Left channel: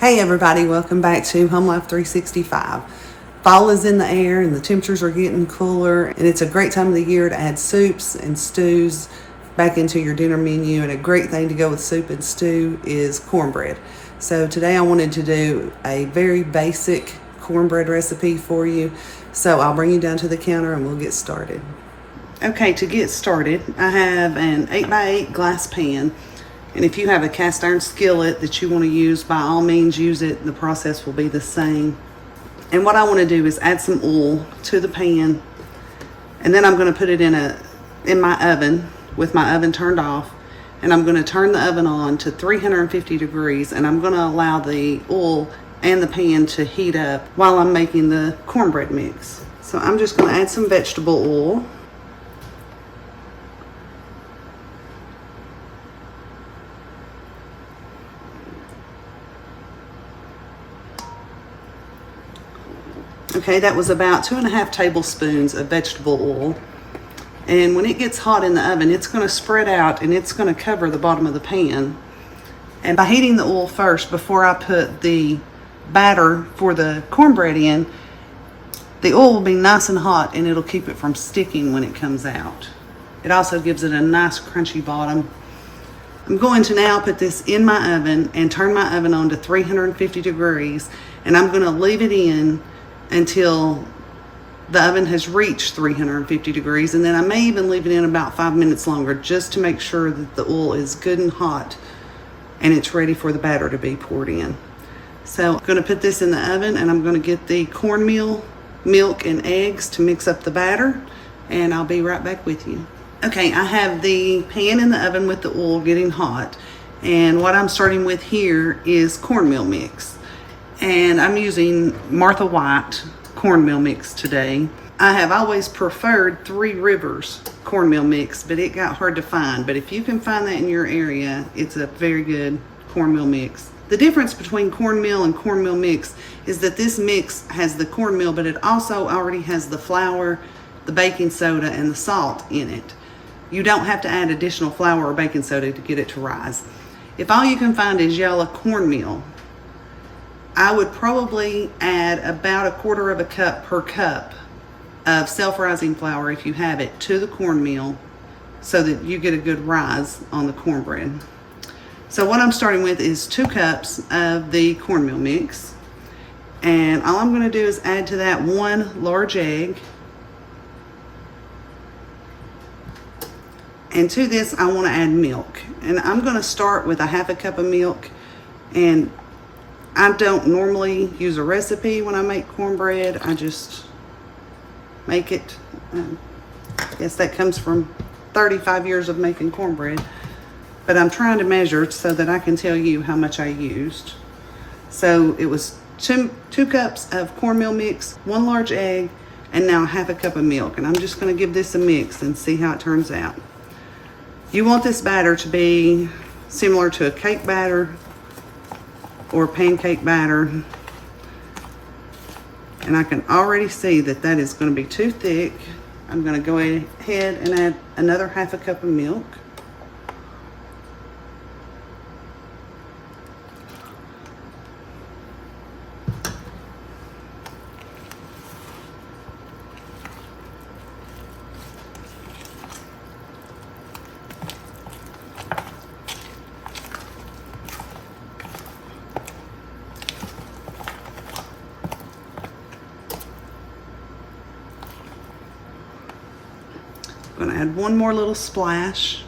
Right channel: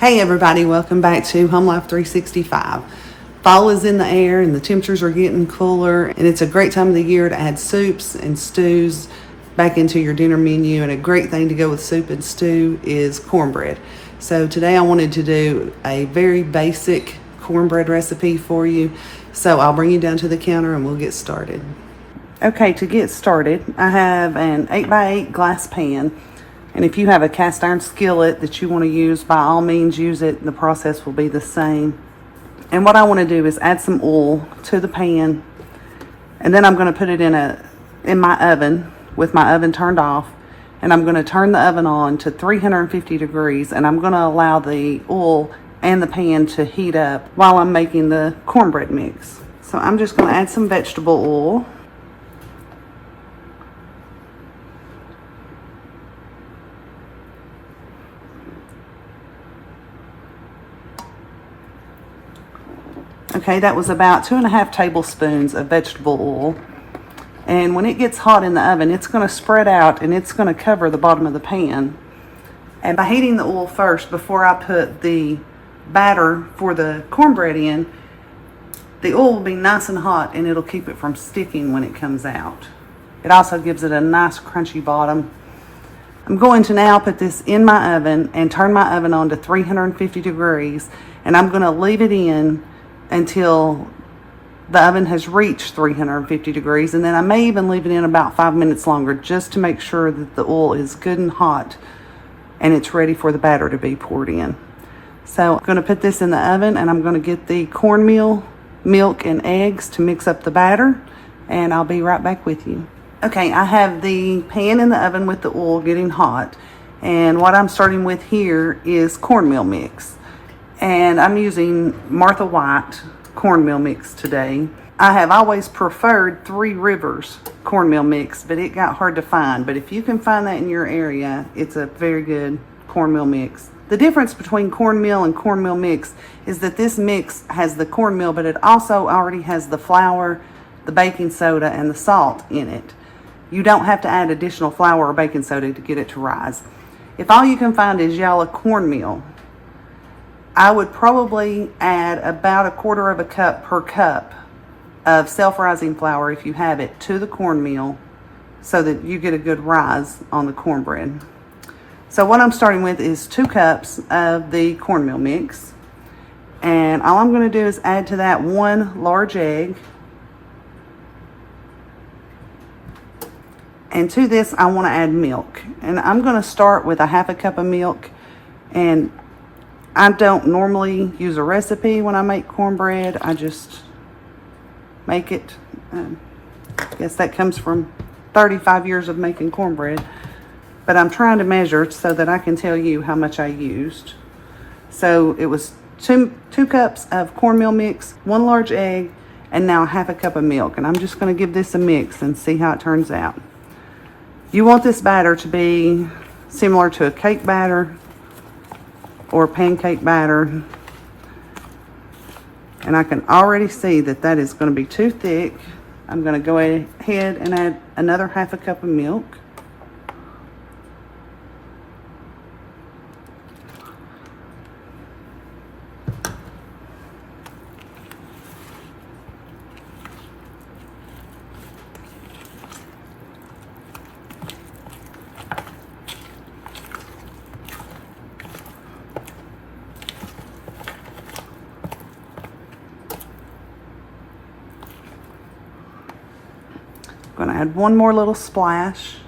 Hey everybody, welcome back to Home Life 365. Fall is in the air and the temperatures are getting cooler, and it's a great time of the year to add soups and stews back into your dinner menu. And a great thing to go with soup and stew is cornbread. So today I wanted to do a very basic cornbread recipe for you. So I'll bring you down to the counter and we'll get started. Okay, to get started, I have an 8x8 glass pan. And if you have a cast iron skillet that you want to use, by all means use it. The process will be the same. And what I want to do is add some oil to the pan, and then I'm going to put it in my oven with my oven turned off, and I'm going to turn the oven on to 350 degrees, and I'm going to allow the oil and the pan to heat up while I'm making the cornbread mix. So I'm just going to add some vegetable oil. Okay, that was about 2.5 tablespoons of vegetable oil. And when it gets hot in the oven, it's going to spread out and it's going to cover the bottom of the pan. And by heating the oil first before I put the batter for the cornbread in, the oil will be nice and hot and it'll keep it from sticking when it comes out. It also gives it a nice crunchy bottom. I'm going to now put this in my oven and turn my oven on to 350 degrees, and I'm going to leave it in until the oven has reached 350 degrees, and then I may even leave it in about 5 minutes longer just to make sure that the oil is good and hot and it's ready for the batter to be poured in. So I'm going to put this in the oven, and I'm going to get the cornmeal, milk, and eggs to mix up the batter, and I'll be right back with you. Okay, I have the pan in the oven with the oil getting hot, and what I'm starting with here is cornmeal mix. And I'm using Martha White cornmeal mix today. I have always preferred Three Rivers cornmeal mix, but it got hard to find. But if you can find that in your area, it's a very good cornmeal mix. The difference between cornmeal and cornmeal mix is that this mix has the cornmeal, but it also already has the flour, the baking soda, and the salt in it. You don't have to add additional flour or baking soda to get it to rise. If all you can find is yellow cornmeal, I would probably add about 1/4 cup per cup of self-rising flour, if you have it, to the cornmeal so that you get a good rise on the cornbread. So what I'm starting with is 2 cups of the cornmeal mix. And all I'm going to do is add to that 1 large egg. And to this, I want to add milk. And I'm going to start with 1/2 cup of milk. And I don't normally use a recipe when I make cornbread. I just make it. I guess that comes from 35 years of making cornbread. But I'm trying to measure so that I can tell you how much I used. So it was 2 cups of cornmeal mix, 1 large egg, and now 1/2 cup of milk. And I'm just going to give this a mix and see how it turns out. You want this batter to be similar to a cake batter or pancake batter, and I can already see that that is going to be too thick. I'm going to go ahead and add another 1/2 cup of milk. I'm going to add 1 more little splash.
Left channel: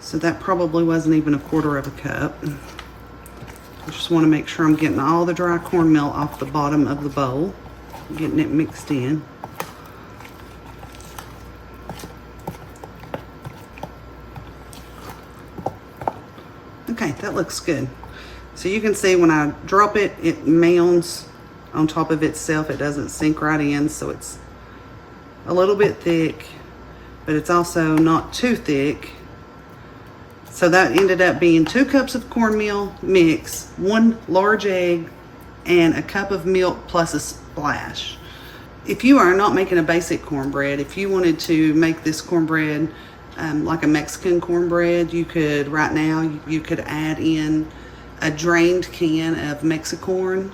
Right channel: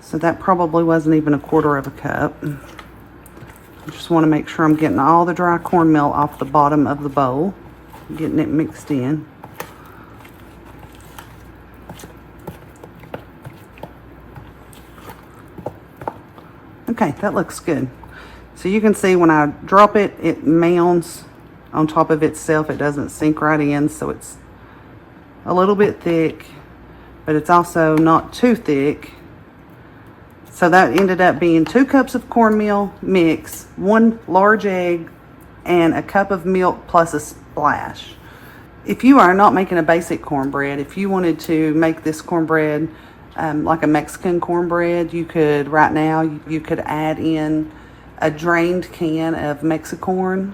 So that probably wasn't even 1/4 cup. I just want to make sure I'm getting all the dry cornmeal off the bottom of the bowl, getting it mixed in. Okay, that looks good. So you can see when I drop it, it mounds on top of itself. It doesn't sink right in, so it's a little bit thick, but it's also not too thick. So that ended up being 2 cups of cornmeal mix, 1 large egg, and 1 cup of milk plus a splash. If you are not making a basic cornbread, if you wanted to make this cornbread like a Mexican cornbread, you could, right now, you could add in a drained can of Mexicorn,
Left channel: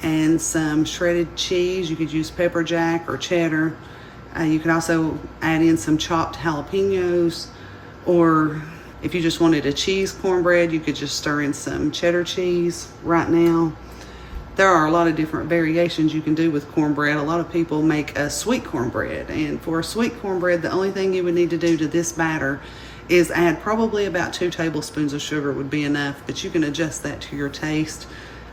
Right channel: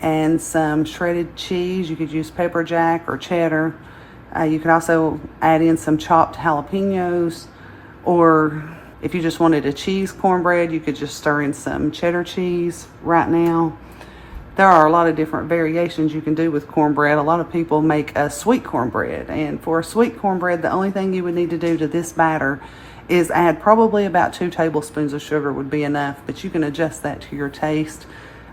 and some shredded cheese. You could use pepper jack or cheddar. You could also add in some chopped jalapenos, or if you just wanted a cheese cornbread, you could just stir in some cheddar cheese right now. There are a lot of different variations you can do with cornbread. A lot of people make a sweet cornbread, and for a sweet cornbread, the only thing you would need to do to this batter is add probably about 2 tablespoons of sugar would be enough, but you can adjust that to your taste.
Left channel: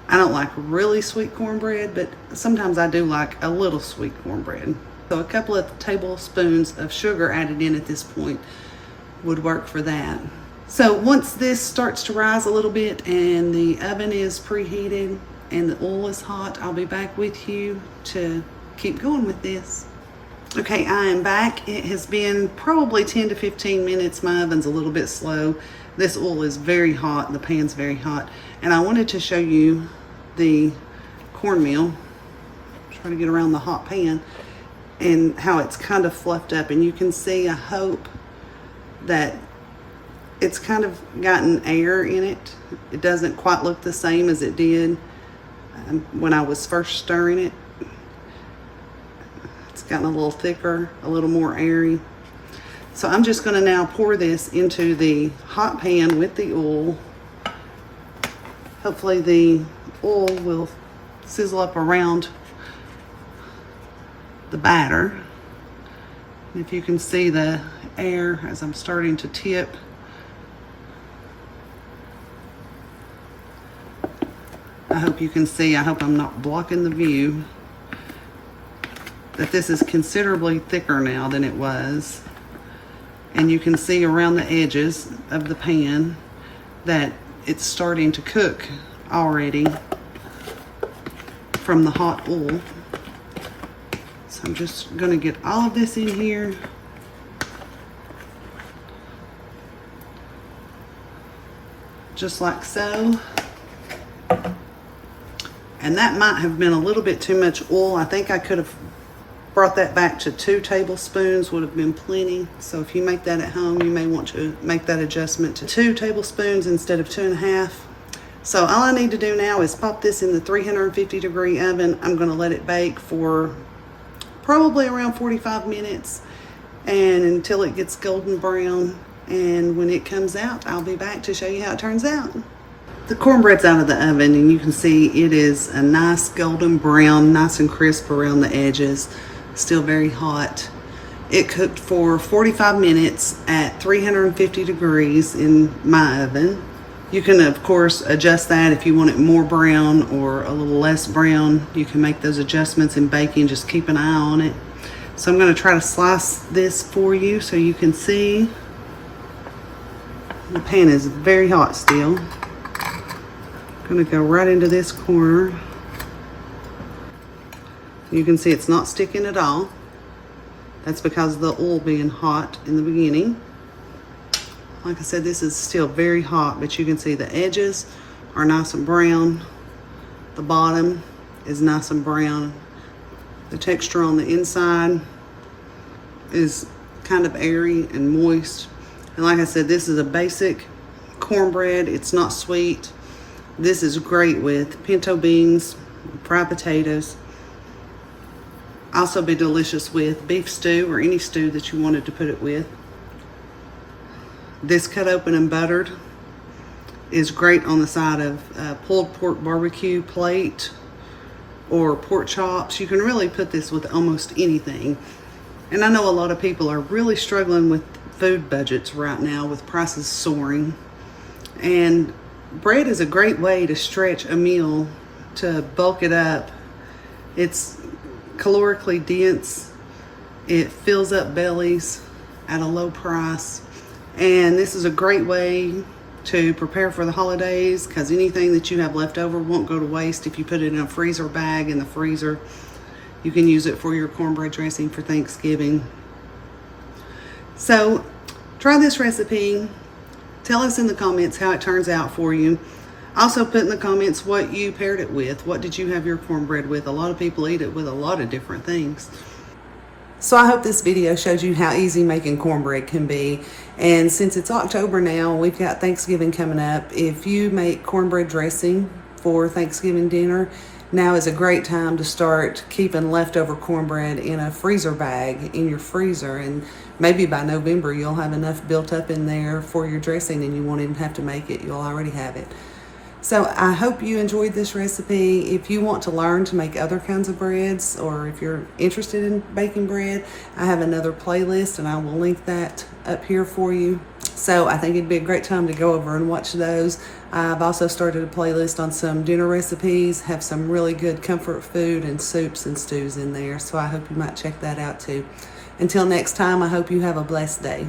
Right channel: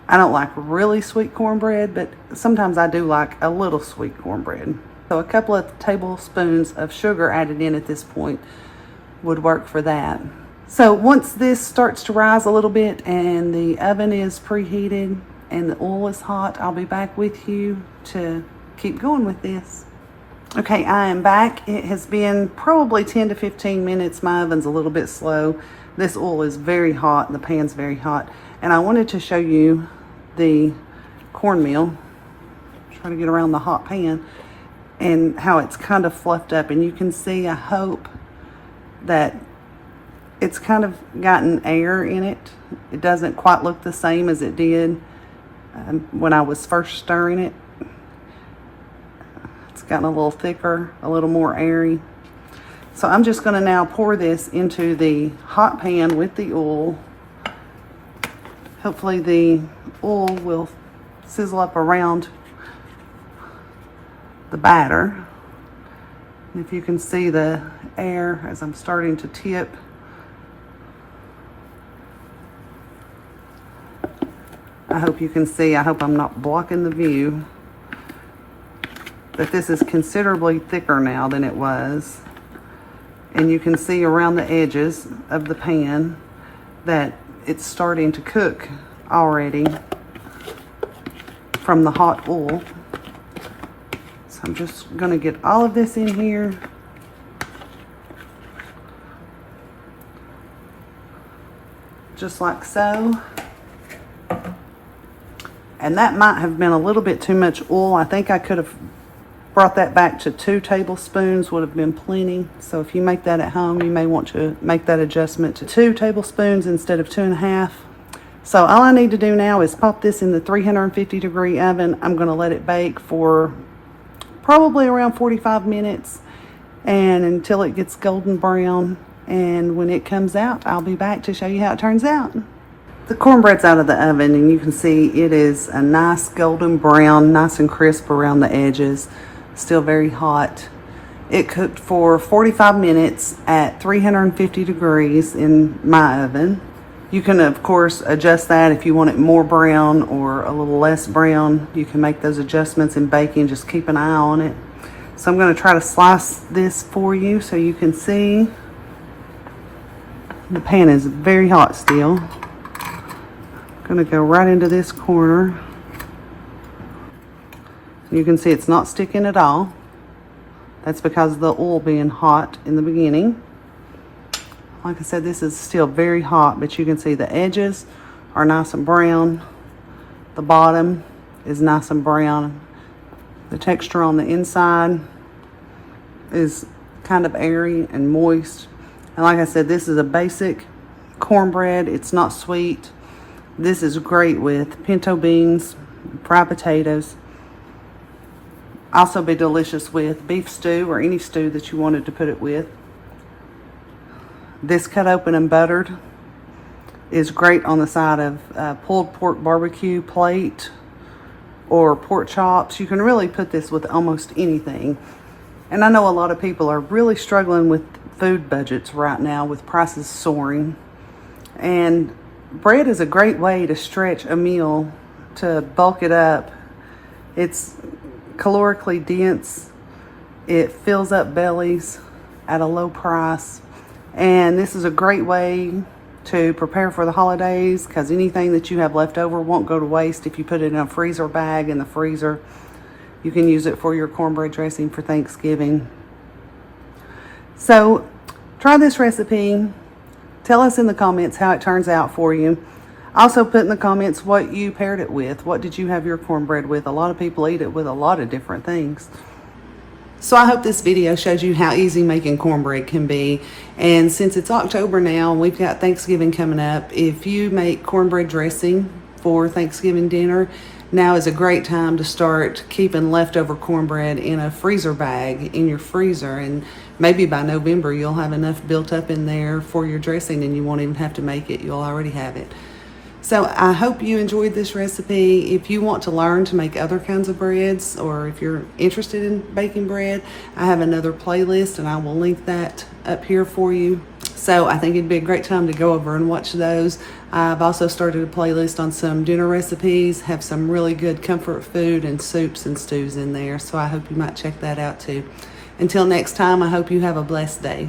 I don't like really sweet cornbread, but sometimes I do like a little sweet cornbread. So a couple of tablespoons of sugar added in at this point would work for that. So once this starts to rise a little bit and the oven is preheated and the oil is hot, I'll be back with you to keep going with this. Okay, I am back. It has been probably 10 to 15 minutes. My oven's a little bit slow. This oil is very hot and the pan's very hot. And I wanted to show you the cornmeal. Try to get around the hot pan and how it's kind of fluffed up. And you can see, I hope, that it's kind of gotten air in it. It doesn't quite look the same as it did when I was first stirring it. It's gotten a little thicker, a little more airy. So I'm just going to now pour this into the hot pan with the oil. Hopefully the oil will sizzle up around the batter. And if you can see the air as I'm starting to tip, I hope you can see, I hope I'm not blocking the view, that this is considerably thicker now than it was. And you can see around the edges of the pan that it's starting to cook already from the hot oil. So I'm just going to get all of this in here. Just like so. And that might have been a little bit too much oil. I think I could have brought that back to 2 tablespoons, would have been plenty. So if you make that at home, you may want to make that adjustment to 2 tablespoons instead of 2.5. So all I need to do now is pop this in the 350-degree oven. I'm going to let it bake for probably around 45 minutes and until it gets golden brown. And when it comes out, I'll be back to show you how it turns out. The cornbread's out of the oven, and you can see it is a nice golden brown, nice and crisp around the edges. Still very hot. It cooked for 45 minutes at 350 degrees in my oven. You can, of course, adjust that if you want it more brown or a little less brown. You can make those adjustments in baking. Just keep an eye on it. So I'm going to try to slice this for you so you can see. The pan is very hot still. I'm going to go right into this corner. You can see it's not sticking at all. That's because of the oil being hot in the beginning. Like I said, this is still very hot, but you can see the edges are nice and brown. The bottom is nice and brown. The texture on the inside is kind of airy and moist. And like I said, this is a basic cornbread. It's not sweet. This is great with pinto beans, fried potatoes. Also be delicious with beef stew or any stew that you wanted to put it with. This cut open and buttered is great on the side of pulled pork barbecue plate or pork chops. You can really put this with almost anything. And I know a lot of people are really struggling with food budgets right now with prices soaring. And bread is a great way to stretch a meal, to bulk it up. It's calorically dense. It fills up bellies at a low price. And this is a great way to prepare for the holidays, because anything that you have left over won't go to waste if you put it in a freezer bag in the freezer. You can use it for your cornbread dressing for Thanksgiving. So try this recipe. Tell us in the comments how it turns out for you. Also put in the comments what you paired it with. What did you have your cornbread with? A lot of people eat it with a lot of different things. So I hope this video shows you how easy making cornbread can be. And since it's October now, we've got Thanksgiving coming up. If you make cornbread dressing for Thanksgiving dinner, now is a great time to start keeping leftover cornbread in a freezer bag in your freezer. And maybe by November, you'll have enough built up in there for your dressing and you won't even have to make it. You'll already have it. So I hope you enjoyed this recipe. If you want to learn to make other kinds of breads, or if you're interested in baking bread, I have another playlist and I will link that up here for you. So I think it'd be a great time to go over and watch those. I've also started a playlist on some dinner recipes, have some really good comfort food and soups and stews in there. So I hope you might check that out too. Until next time, I hope you have a blessed day.